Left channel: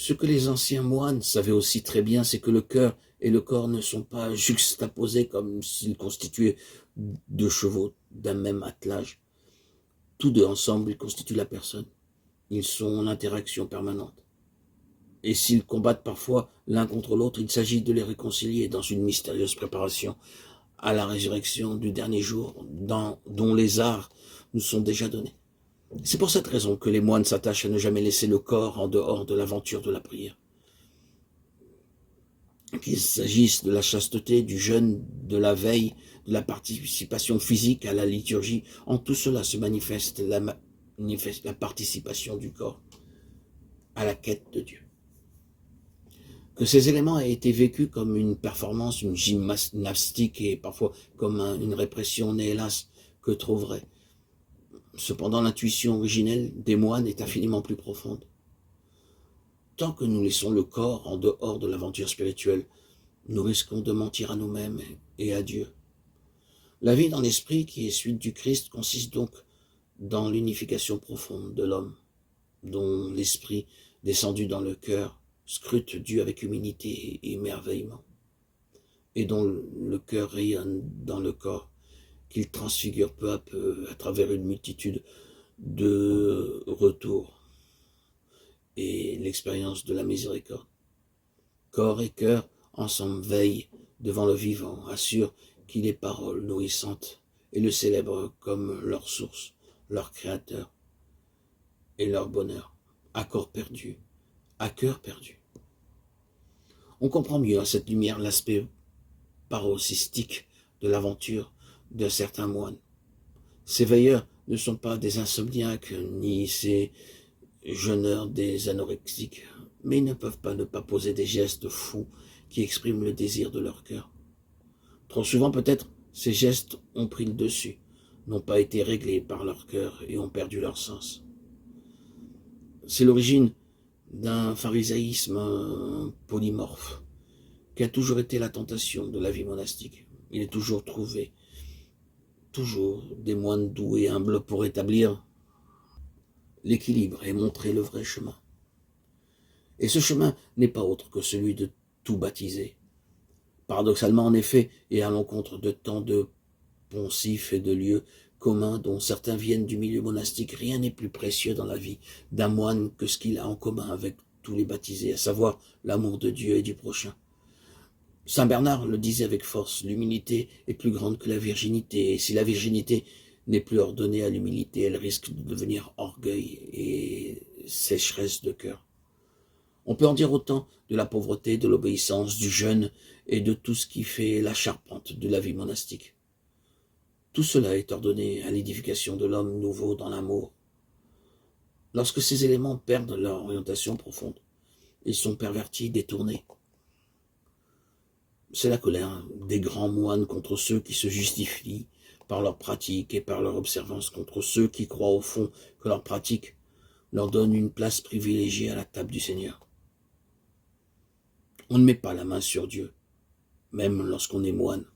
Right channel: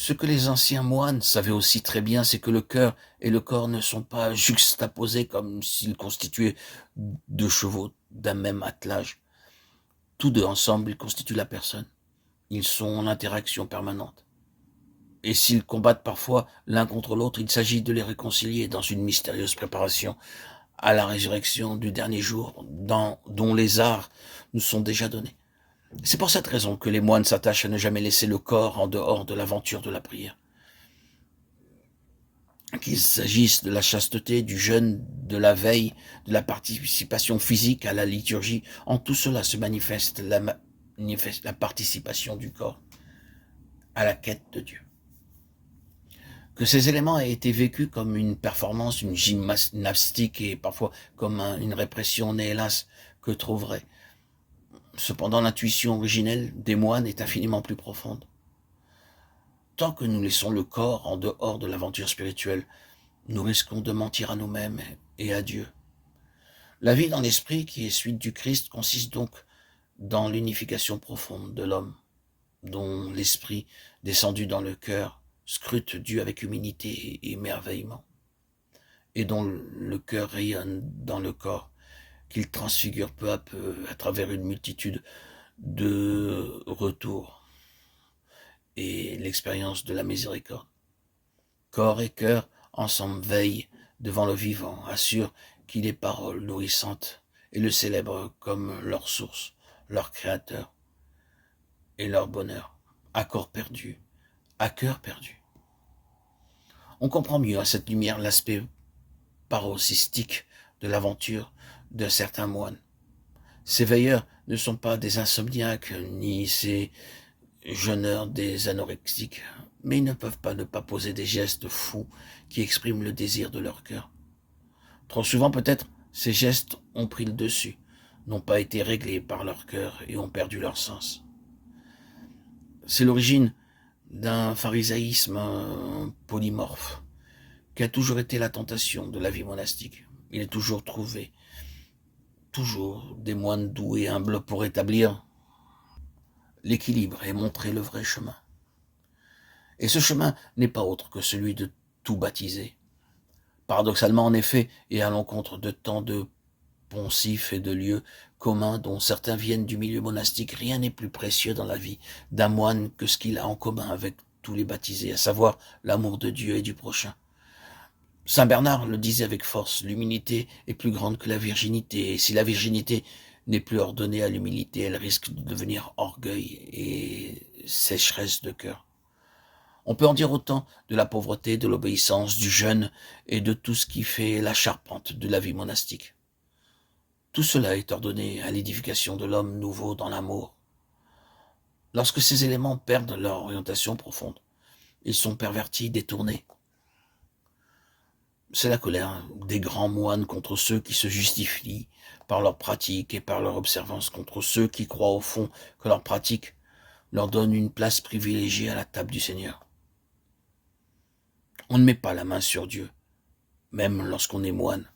Ce que les anciens moines savaient aussi très bien, c'est que le cœur et le corps ne sont pas juxtaposés comme s'ils constituaient deux chevaux d'un même attelage. Tous deux ensemble, ils constituent la personne. Ils sont en interaction permanente. Et s'ils combattent parfois l'un contre l'autre, il s'agit de les réconcilier dans une mystérieuse préparation à la résurrection du dernier jour, dont les arts nous sont déjà donnés. C'est pour cette raison que les moines s'attachent à ne jamais laisser le corps en dehors de l'aventure de la prière. Qu'il s'agisse de la chasteté, du jeûne, de la veille, de la participation physique à la liturgie, en tout cela se manifeste la participation du corps à la quête de Dieu. Que ces éléments aient été vécus comme une performance, une gymnastique et parfois comme une répression n'est hélas que trop vraie. Cependant, l'intuition originelle des moines est infiniment plus profonde. Tant que nous laissons le corps en dehors de l'aventure spirituelle, nous risquons de mentir à nous-mêmes et à Dieu. La vie dans l'esprit, qui est suite du Christ, consiste donc dans l'unification profonde de l'homme, dont l'esprit, descendu dans le cœur, scrute Dieu avec humilité et émerveillement, et dont le cœur rayonne dans le corps, qu'il transfigure peu à peu à travers une multitude de retours et l'expérience de la miséricorde. Corps et cœur ensemble veillent devant le vivant, assurent qu'il est parole nourrissante et le célèbrent comme leur source, leur créateur et leur bonheur, à corps perdu, à cœur perdu. On comprend mieux à cette lumière l'aspect paroxystique de l'aventure de certains moines. Ces veilleurs ne sont pas des insomniaques, ni ces jeûneurs des anorexiques, mais ils ne peuvent pas ne pas poser des gestes fous qui expriment le désir de leur cœur. Trop souvent peut-être, ces gestes ont pris le dessus, n'ont pas été réglés par leur cœur et ont perdu leur sens. C'est l'origine d'un pharisaïsme polymorphe, qui a toujours été la tentation de la vie monastique. Il est toujours trouvé, toujours des moines doux et humbles pour établir l'équilibre et montrer le vrai chemin. Et ce chemin n'est pas autre que celui de tout baptiser. Paradoxalement, en effet, et à l'encontre de tant de poncifs et de lieux communs dont certains viennent du milieu monastique, rien n'est plus précieux dans la vie d'un moine que ce qu'il a en commun avec tous les baptisés, à savoir l'amour de Dieu et du prochain. Saint Bernard le disait avec force, l'humilité est plus grande que la virginité, et si la virginité n'est plus ordonnée à l'humilité, elle risque de devenir orgueil et sécheresse de cœur. On peut en dire autant de la pauvreté, de l'obéissance, du jeûne et de tout ce qui fait la charpente de la vie monastique. Tout cela est ordonné à l'édification de l'homme nouveau dans l'amour. Lorsque ces éléments perdent leur orientation profonde, ils sont pervertis, détournés. C'est la colère des grands moines contre ceux qui se justifient par leur pratique et par leur observance, contre ceux qui croient au fond que leur pratique leur donne une place privilégiée à la table du Seigneur. On ne met pas la main sur Dieu, même lorsqu'on est moine.